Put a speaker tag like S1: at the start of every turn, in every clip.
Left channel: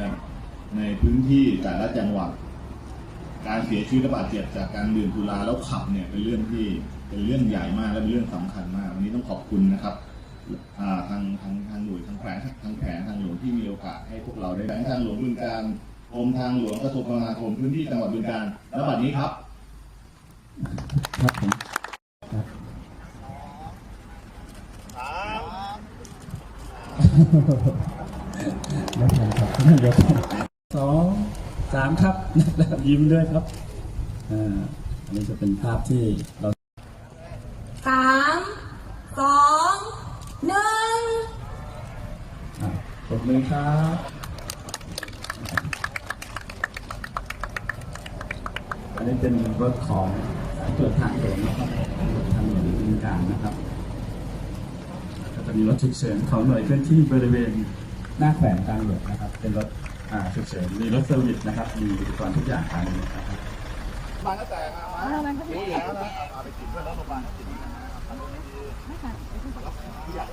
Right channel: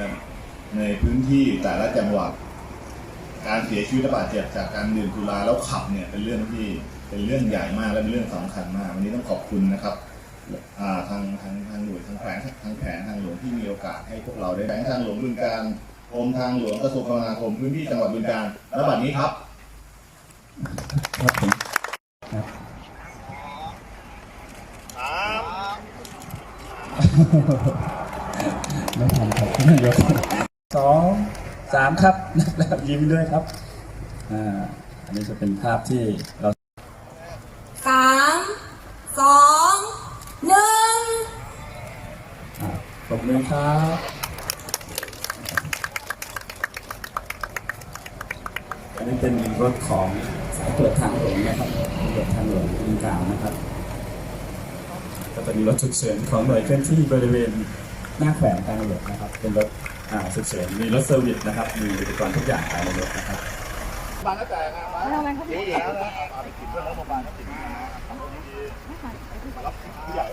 S1: ครับ ในพื้นที่แต่ละจังหวัด การเสียชีวิตและบาดเจ็บจากการดื่มสุราแล้วขับเนี่ยเป็นเรื่องที่เป็นเรื่องใหญ่มากและเป็นเรื่องสำคัญมากวันนี้ต้องขอบคุณนะครับอ่าทางทางทางหน่วยทางแผงทางแผงทางหลวงที่มีโอกาสให้พวกเราได้แผงทางหลวงบึงการกรมทางหลวงกระทรวงคมนาคมพื้นที่จังหวัดบึงการและบัดนี้ครับ
S2: ครับผมครับ ไม่ทันครับเดี๋ยวสองสามครับแล้วยิ้มด้วยครับอ่าอันนี้จะเป็นภาพที่เรา
S3: สามสองหนึ่ง
S2: อ่าปรบมือครับอันนี้เป็นรถของสายตรวจทางหลวงนะครับตำรวจทางหลวงบึงกาฬนะครับ ก็จะมีรถฉุกเฉินของหน่วยเคลื่อนที่บริเวณ หน้าแขวงทางหลวงนะครับ เป็นรถฉุกเฉินมีรถเซอร์วิสนะครับ มีอุปกรณ์ทุกอย่างภายในรถนะครับ
S1: มาตั้งแต่มารู้อยู่แล้วนะเอาไปตินดเพื่อนรัฐบาลติดทำดีมารับผู้ใหญ่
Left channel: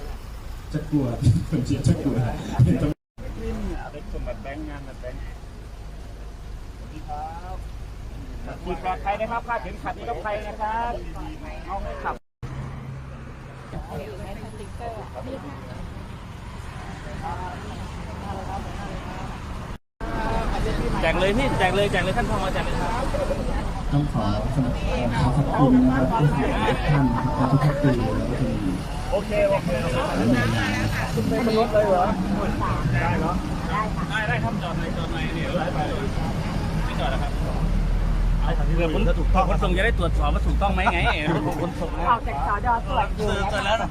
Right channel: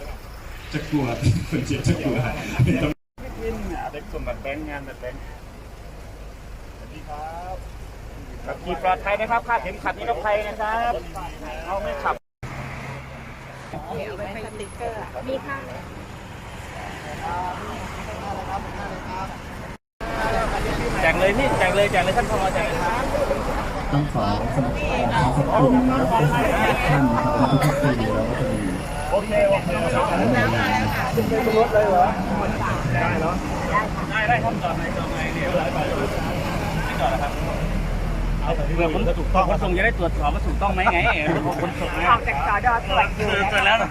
S2: จะกลัวคนเชียร์จะกลัว
S1: เด็กคนแบบแบงค์งานแบบแบงค์สวัสดีครับ
S4: ขี่ปลอดภัยนะครับคาดเข็มขัดนิรภัยนะครับเอาให้ขับมีค่ะ แจกเลยพี่แจกเลยแจกเลยท่านพอแจกเลยครับ
S2: ต้องขอขอบคุณขอบคุณนะครับที่ให้ท่านนะครับทุกๆปีเราก็จะมี
S4: โอเคโอเคน้ำมาแล้วค่ะได้เนาะได้ได้ท่านจอดไหนจอดไหนเดี๋ยวร้อยไปเราผมถูกต้องคนส่งจะได้ตรวจสอบว่าถูกต้องไหมไงคนส่งออกจากสอดอตรวจอยู่แล้วนะ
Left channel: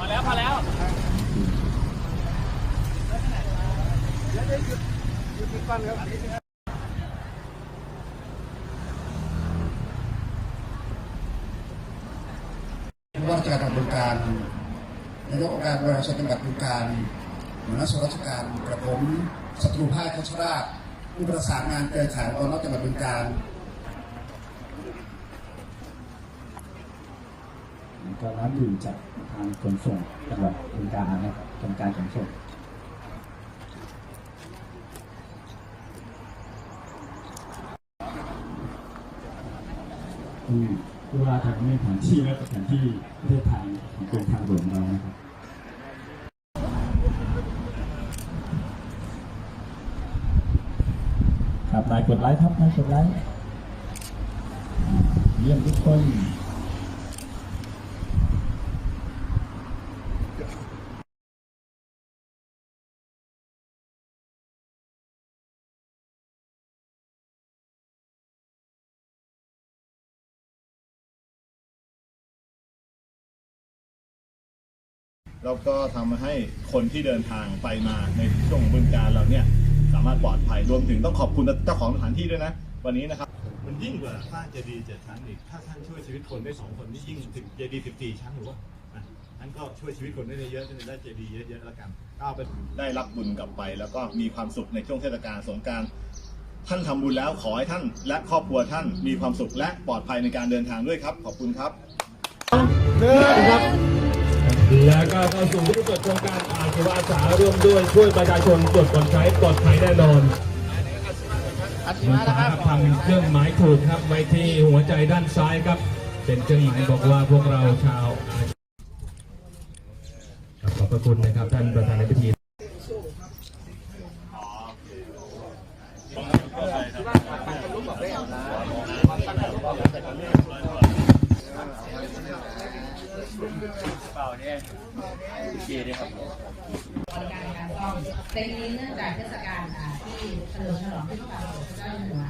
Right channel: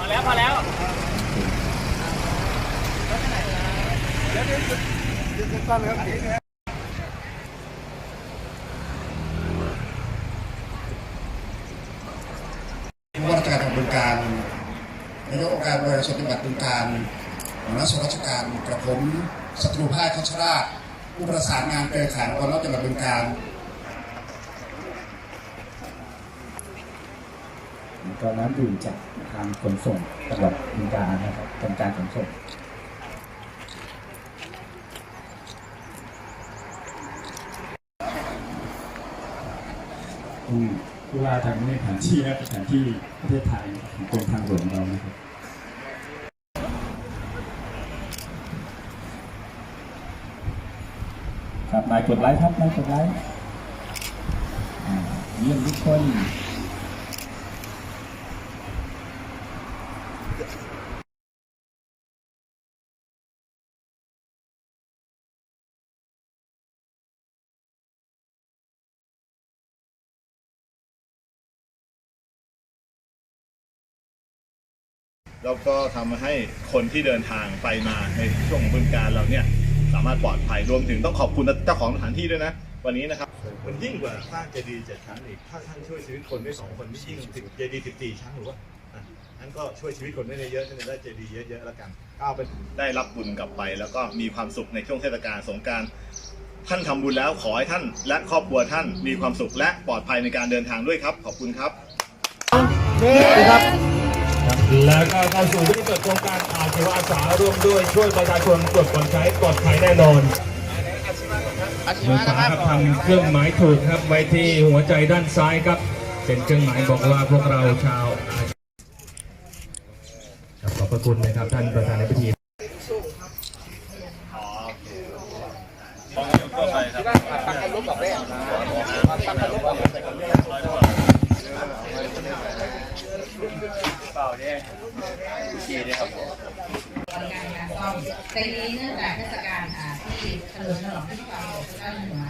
S4: มาแล้วมาแล้วมาแล้ว
S5: ผู้ว่าราชการจังหวัดบึงการนายกองค์การบริหารส่วนจังหวัดบึงการหัวหน้าส่วนราชการกระผมศัตรูภายคัชราชผู้ประสานงานเครือข่ายองค์กรนอกจังหวัดบึงการ
S2: ก็น้ำดื่มจากทางขนส่งจังหวัดบึงกาฬนะครับกรมการขนส่ง อืมผู้ว่าทางในแผนที่นะแผนที่ประเทศไทยของกรมทางหลวงเรานะครับครับนายกดไลค์ครับนายกดไลค์เยี่ยมทุกคน
S1: แล้วก็ทำให้คนที่เดินทางไปมาในช่วงบึงการเราเนี่ยสามารถปลอดภัยรวมถึงต้องขอบคุณเจ้าของสถานที่ด้วยนะ วันนี้นะครับ
S6: มันยิ่งกว่าสร้างเจดีย์เจ็ดชั้นอีกถ้าท่านช่วยชีวิตคนได้สองคนนี่ยิ่งถึงเจดีย์สิบสี่ชั้นหรือว่าอะนั้นก็ช่วยชีวิตคนได้เยอะจะได้เจดีย์เยอะๆแล้วกันก้าวไป
S1: ได้รับบุญกลับไป แล้วก็มีความสุขในช่วงเทศกาลสงการท่านทำบุญแล้วขอให้ท่านและครอบครัวท่านมีความสุขและปลอดภัยในการเดินทางด้วยครับ ขอบคุณครับ
S7: แล้วก็เข้าสู่พิธีเปิดโครงการอาชีวอาสาร่วมด้วยช่วยประชาชนตรวจก่อนใช้ปลอดภัยแน่นอนมือขวาครับทำเครื่องหมายถูกครับไว้ที่หัวใจด้านซ้ายครับ เป็นเครื่องหมายบอกว่าพวกเราชาวขอบพระคุณนะครับท่านประธาน ในพิธี
S3: บบริการในการซ่อมแต่ทีนี้เนื่องจากเทศกาลที่เฉลิมฉลองที่พระบาทสมเด็จพระเจ้าอยู่หัว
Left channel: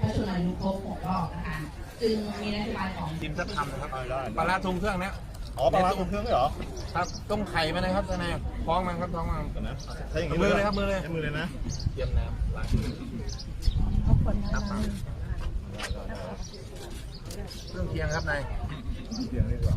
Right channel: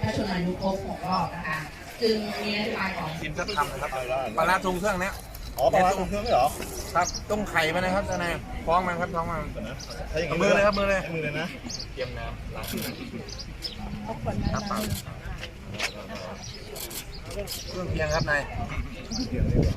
S3: พระชนมายุครบหกรอบนะคะ จึงมีนโยบายของ
S4: ทีมทัพทำนะครับปลาร้าทุงเครื่องเนี้ย
S1: อ๋อปลาร้าตรงเครื่องไม่หรอ
S4: ครับต้มไข่ไหมนะครับทนายท้องมันครับท้องมัน
S1: ก่อนนะถ้อย่างนี้
S4: มือเลยครับมือเลย
S1: มือเลยนะ
S4: เตรียมน้ำล้างครับเปล่าเครื่องเคียงครับนาย
S1: เพียงดีกว่า